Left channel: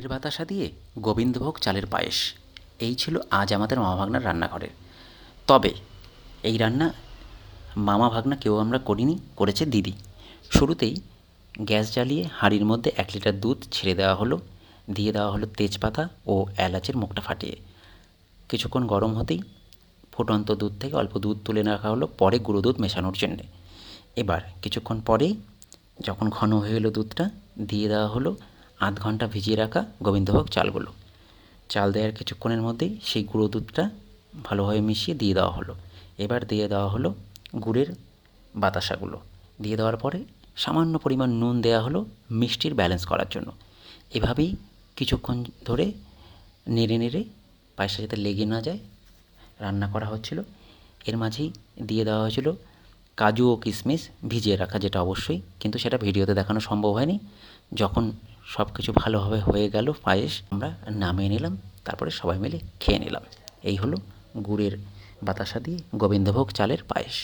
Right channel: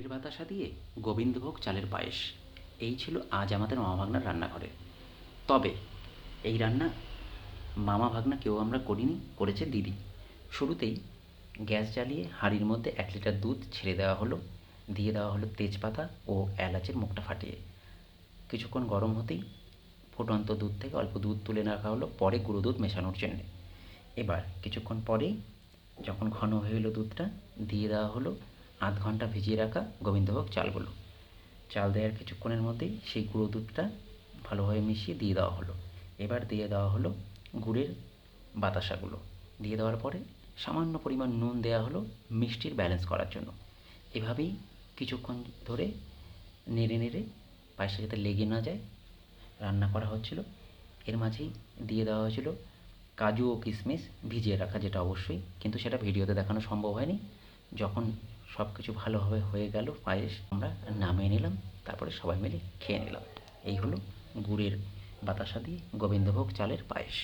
এর বাতাসা দিয়ে গোবিন্দভোগ চালের পায়েস, এই ছিল আজ আমাদের মামা ভাগ্নার রান্নাঘরের। তবে এই রান্না মামা ভাগ্না কেউ আমরা করিনি, করেছে দিদি। শুরুতেই গ্যাস জ্বালিয়ে হাঁড়ির মধ্যে 1 লিটার দুধ ছেড়ে দেওয়া হলো, দিয়ে দেওয়া হলো তেজপাতা ও এলাচের মুখটা ফাটিয়ে। কিছুক্ষণ গরম হতেই ফুটন্ত দুধ থেকে অল্প দুধ তুলে রাখা হলো পরে গুঁড়ো দুধ মেশানোর জন্যে। এবার কিছুক্ষণ পরেই যখন ঘন হয়ে এলো দুধটা, দিয়ে দেওয়া হলো আধ ঘন্টা ভিজিয়ে রাখা গোবিন্দভোগ চালগুলো। চাল দেওয়ার কিছুক্ষণের মধ্যেই সেই গুঁড়ো দুধটা ভালোভাবে মিশিয়ে দিয়ে দেওয়া হলো। এবার দিয়ে দেওয়া হলো গুড়ের বাতাসাগুলো। দিয়ে দেওয়ার পরে সামান্য পরিমাণ নুন দেওয়া হলো মিষ্টির ব্যালেন্স করার জন্য। এভাবেই কিছুক্ষণ ধরে নেড়ে নেড়ে পায়েসটা যাতে লেগে না যায় রান্না করা হচ্ছিল। এর মাঝেই দিয়ে দেওয়া হয়েছিল কাজু ও কিশমিশ ভিজিয়ে রাখা, যেটা অবশ্যই, কিন্তু সেটা ভিডিওতে দেখানো সম্ভব হয়নি। যখন সব কিছু ভালোভাবে হয়ে গেল পায়েস, আমরা নামিয়ে নিলাম, তারপরে সবাই মিলে খেয়ে নিলাম। এই হলো গুড়ের বাতাসা দিয়ে গোবিন্দভোগ চালের পায়েস।